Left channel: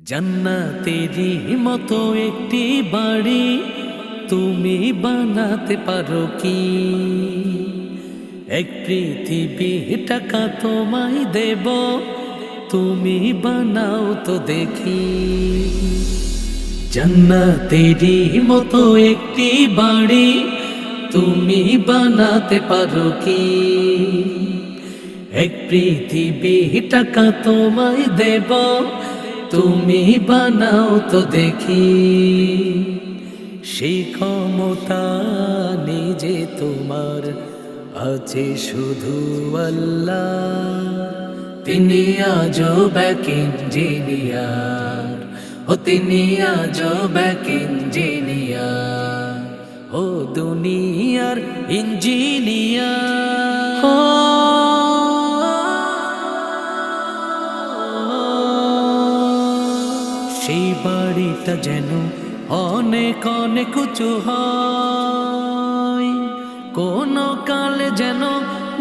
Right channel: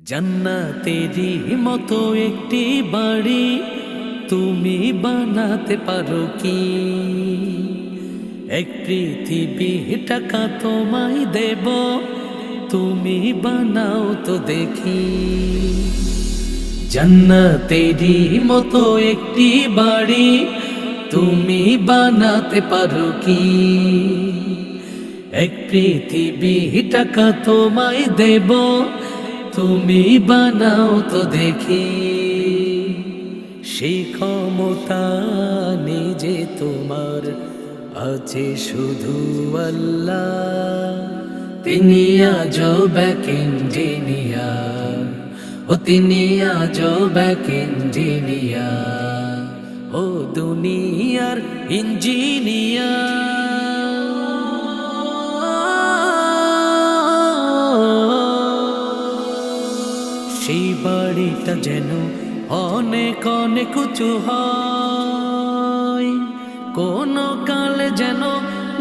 জান্নাতেরই মতো একটি বাড়ি তুমি বানাতে পারো কি? এক পৃথিবী টাকা তোমায় দেব, তুমি বানাও তো দেখি। জান্নাতেরই মতো একটি বাড়ি তুমি বানাতে পারো কি? এক পৃথিবী টাকা তোমায় দেব, তুমি বানাও তো দেখি। সেই ক্ষমতা নিজে তোমার আছে শুধু আল্লাহ। তিনি আজব এক ইঞ্জিনিয়ার, ও তিনি আজব এক ইঞ্জিনিয়ার, ও দুনিয়ার ইঞ্জিনিয়ার। সেই বাড়িটা যেন অনেক অনেক উঁচু হয়, কোনো কালে যেন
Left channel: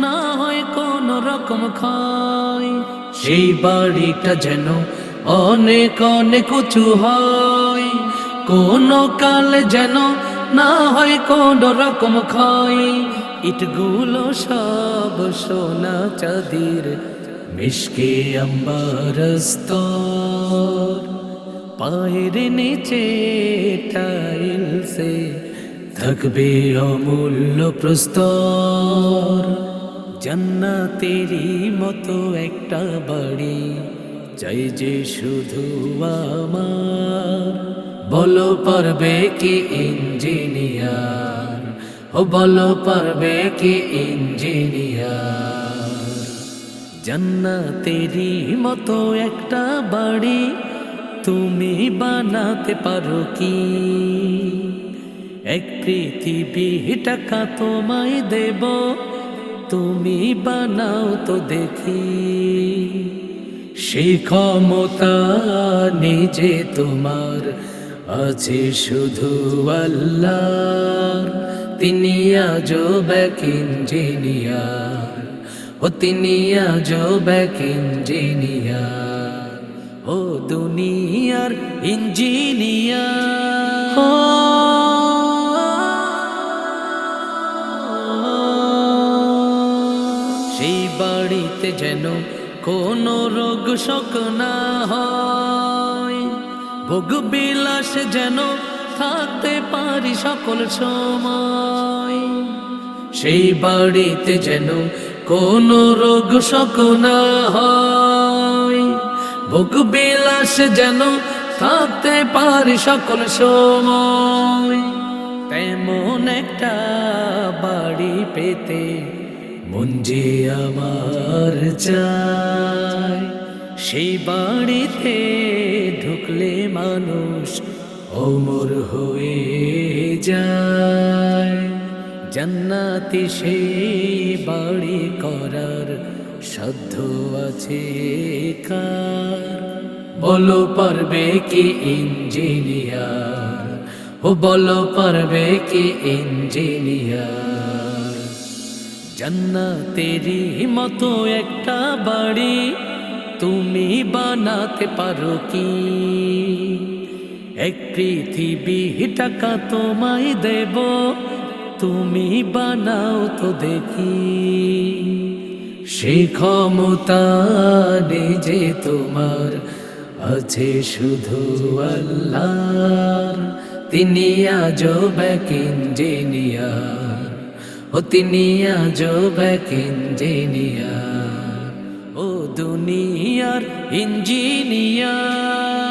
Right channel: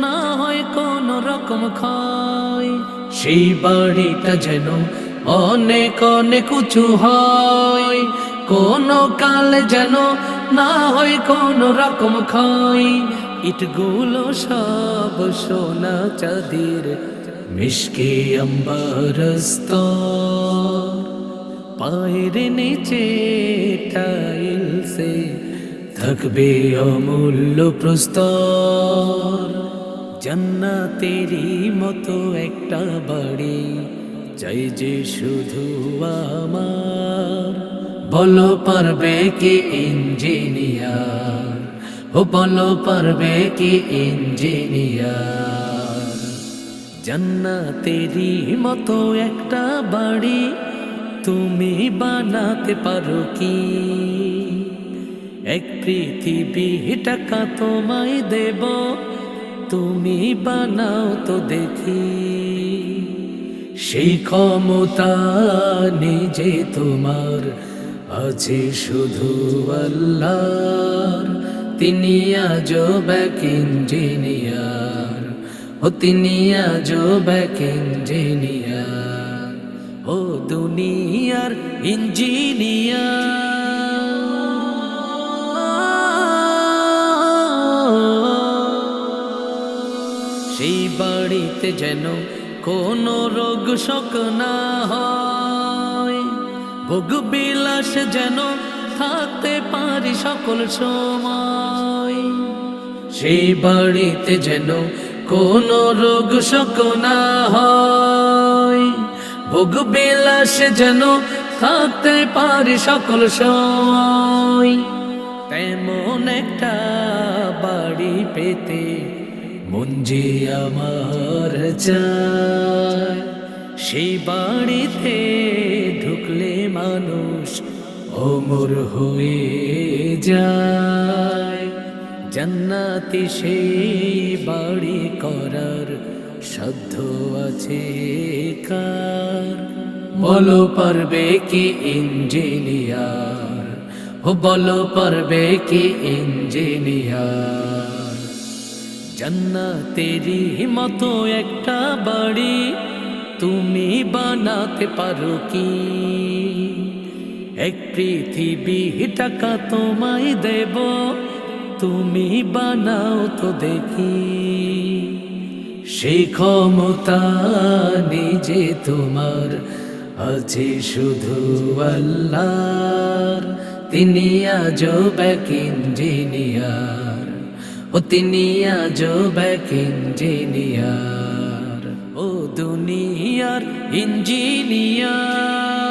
না হয় কোনো রকম ক্ষয়। সেই বাড়িটা যেন অনেক অনেক উঁচু হয়, কোনো কালে যেন না হয় কোনো রকম ক্ষয়। ইটগুলো সব সোনা চাঁদির, মিশকে আম্বার স্তর, পায়ের নিচে টাইলসে থাকবে অমূল্য প্রস্তর। জান্নাতেরই মতো একটা বাড়ি চাই যে শুধু আমার। বলো পারবে কি ইঞ্জিনিয়ার, ও বলো পারবে কি ইঞ্জিনিয়ার? জান্নাতেরই মতো একটা বাড়ি তুমি বানাতে পারো কি? এক পৃথিবী টাকা তোমায় দেব, তুমি বানাও তো দেখি। সেই ক্ষমতা নিজে তোমার আছে শুধু আল্লাহ। তিনি আজব এক ইঞ্জিনিয়ার, ও তিনি আজব এক ইঞ্জিনিয়ার, ও দুনিয়ার ইঞ্জিনিয়ার। সেই বাড়িতে যেন কোনো রোগ শোক না হয়, ভোগ বিলাস যেন থাকতে পারি সকল সময়। সেই বাড়িতে যেন কোনো রোগ শোক না হয়, ভোগ বিলাস যেন থাকতে পারি সকল সময়। তেমন একটা বাড়ি পেতে মন যে আমার চায়, সেই বাড়িতে ঢুকলে মানুষ অমর হয়ে যায়। জান্নাতি সেই বাড়ি করার সাধ্য আছে কার? বলো পারবে কি ইঞ্জিনিয়ার, ও বলো পারবে কি ইঞ্জিনিয়ার? জান্নাতেরই মতো একটা বাড়ি তুমি বানাতে পারো কি? এক পৃথিবী টাকা তোমায় দেব, তুমি বানাও তো দেখি। সেই ক্ষমতা নিজে তোমার আছে শুধু আল্লাহ। তিনি আজব এক ইঞ্জিনিয়ার, ও তিনি আজব এক ইঞ্জিনিয়ার, ও দুনিয়ার ইঞ্জিনিয়ার।